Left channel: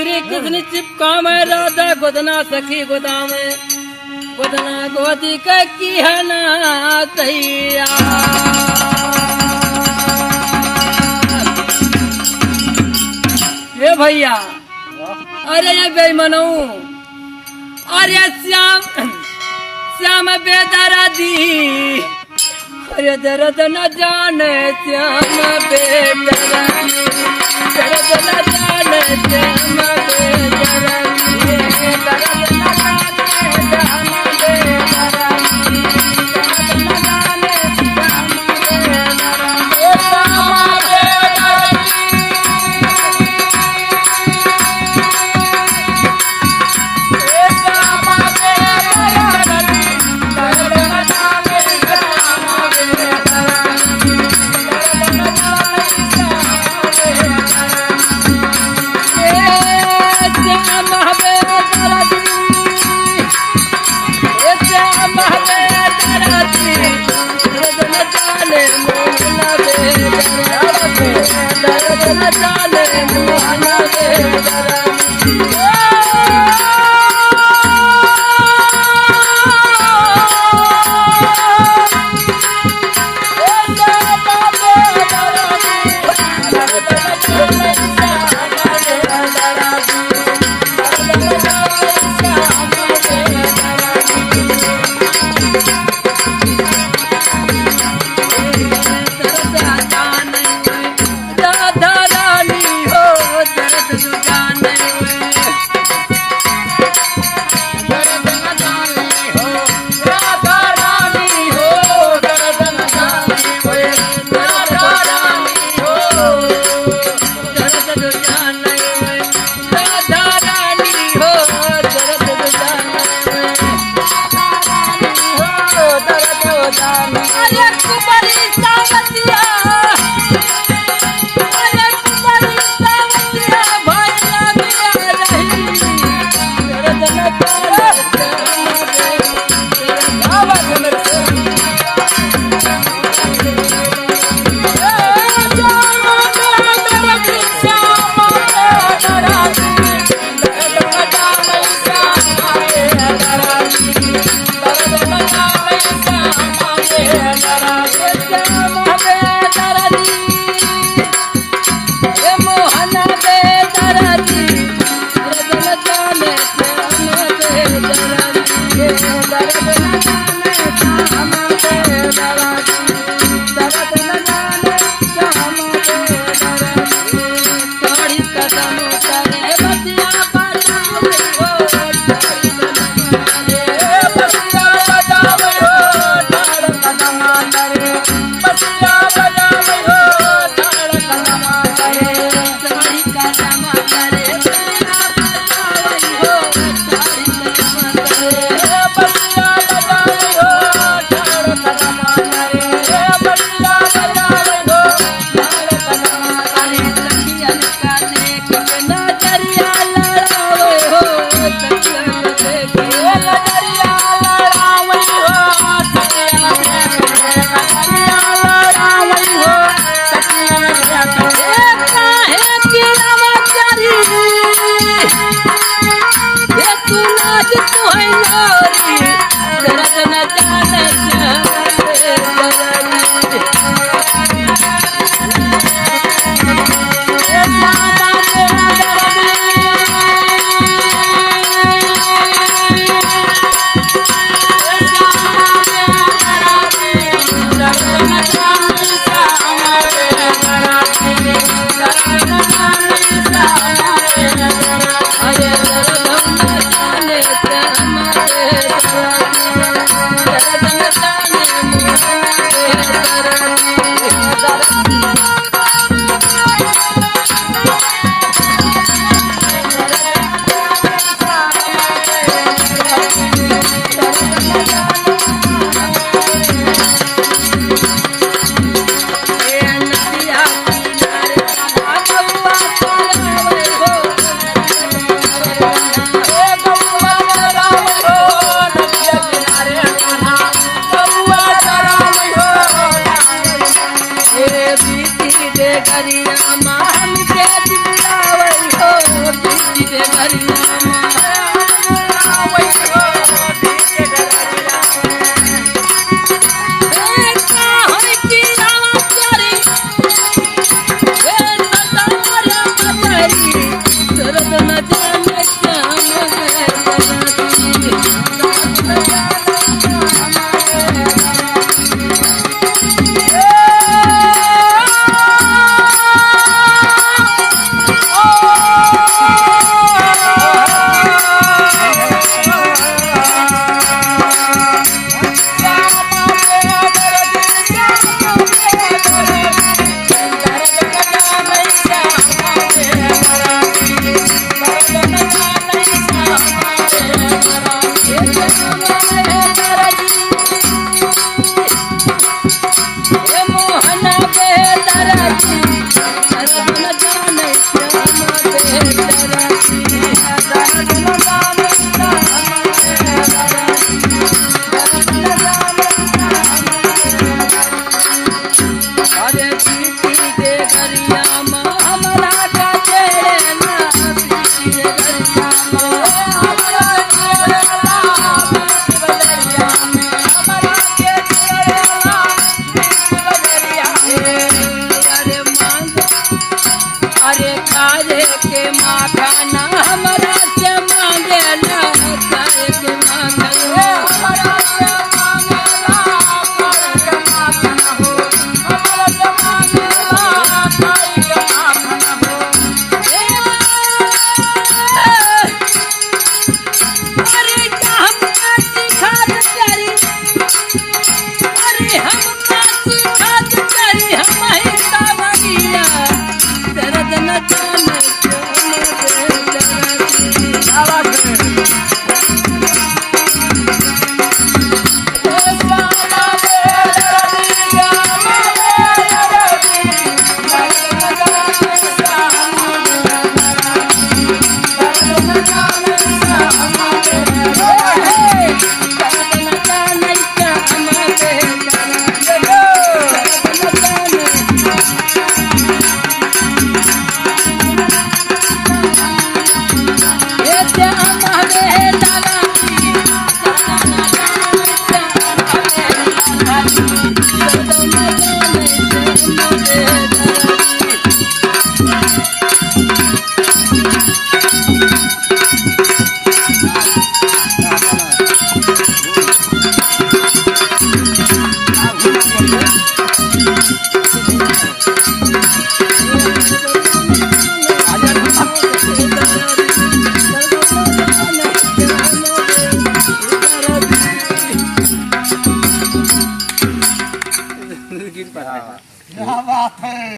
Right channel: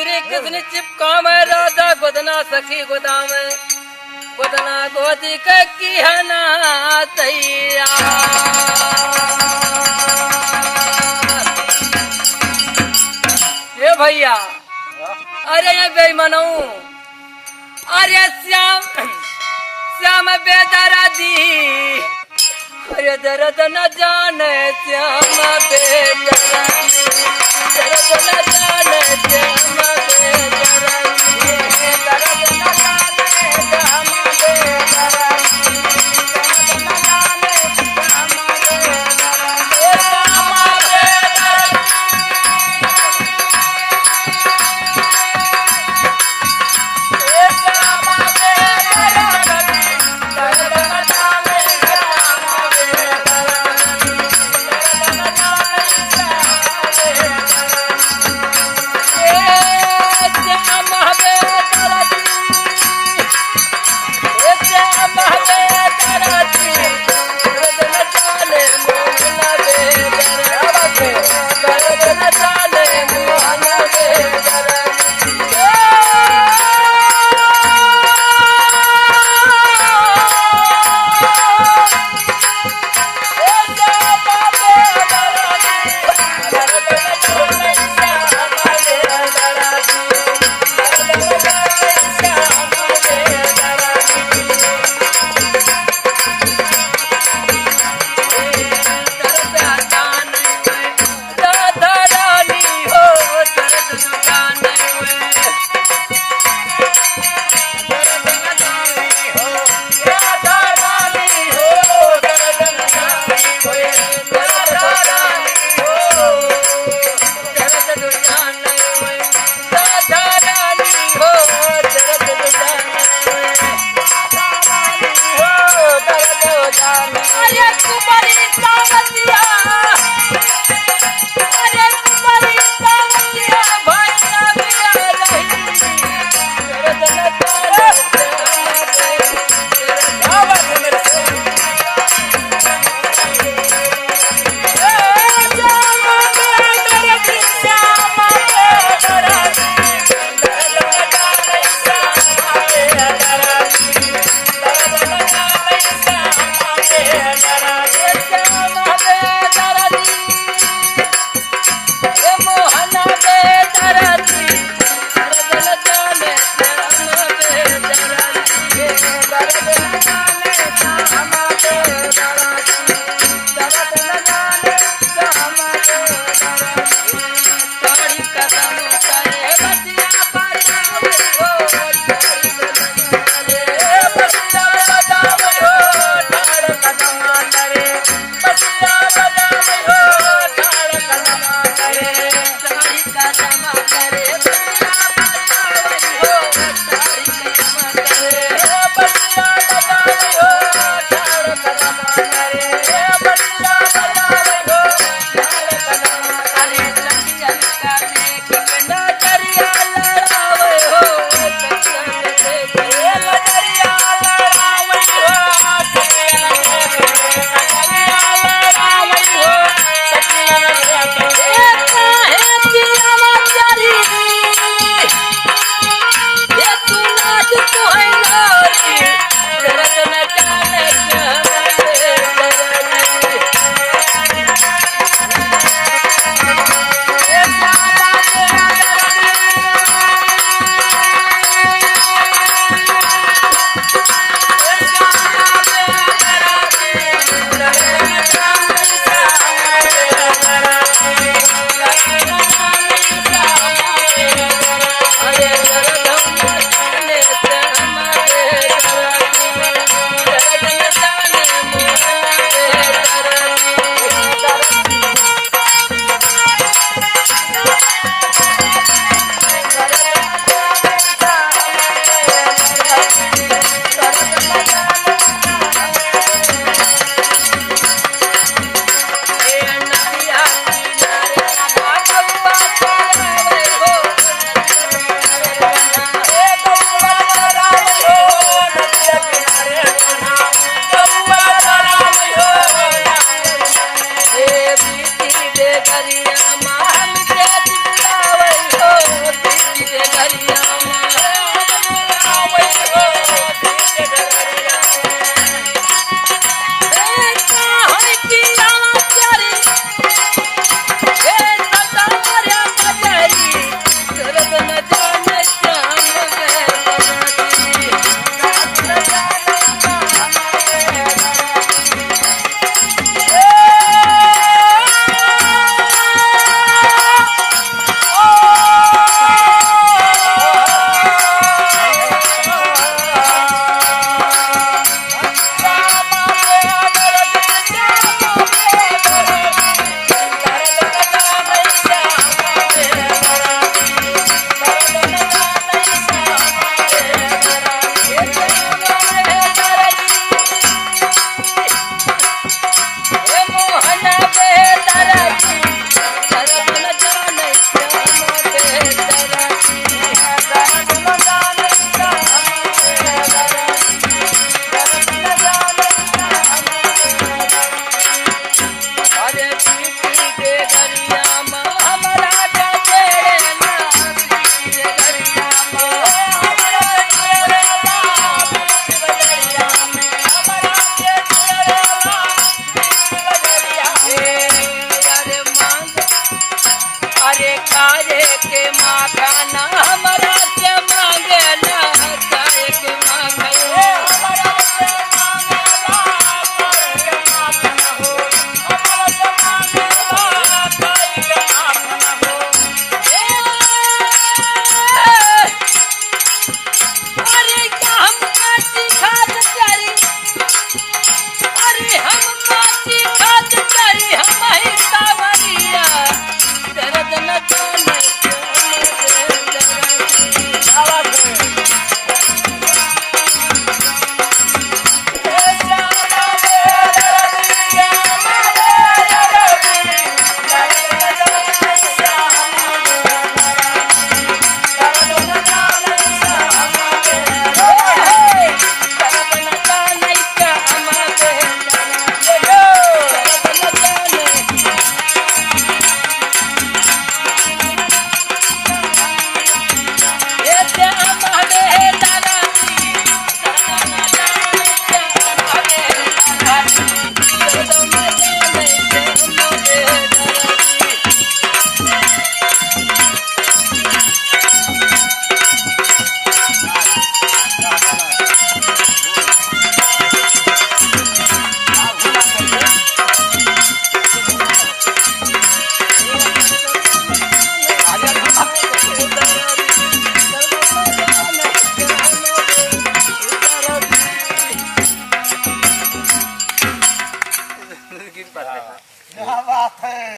श्री कृष्ण चिपका में राधा गोदना सखी गोदाम गोदना गोदी के की है ना तैया ये भैया अरे ये बेईमानू अरे श्याम बेदरा दी अरे दर्द न जाने श्याम बेदरा दर्द न जाने श्याम बेदरा दर्द न करिया मान के बुलावई हो डगरिया अरे खाए के माखना हमरा से मांगे ना खाए के माखना हमरा से मांगे ना खाए के माखना हो हमरा से मांगे ना खाए के माखना हो अरे क्या हम काची खाद करी अरे हम काची खाद करी हम ही सावरिया दर्द न जाने क्यों क्या बात है।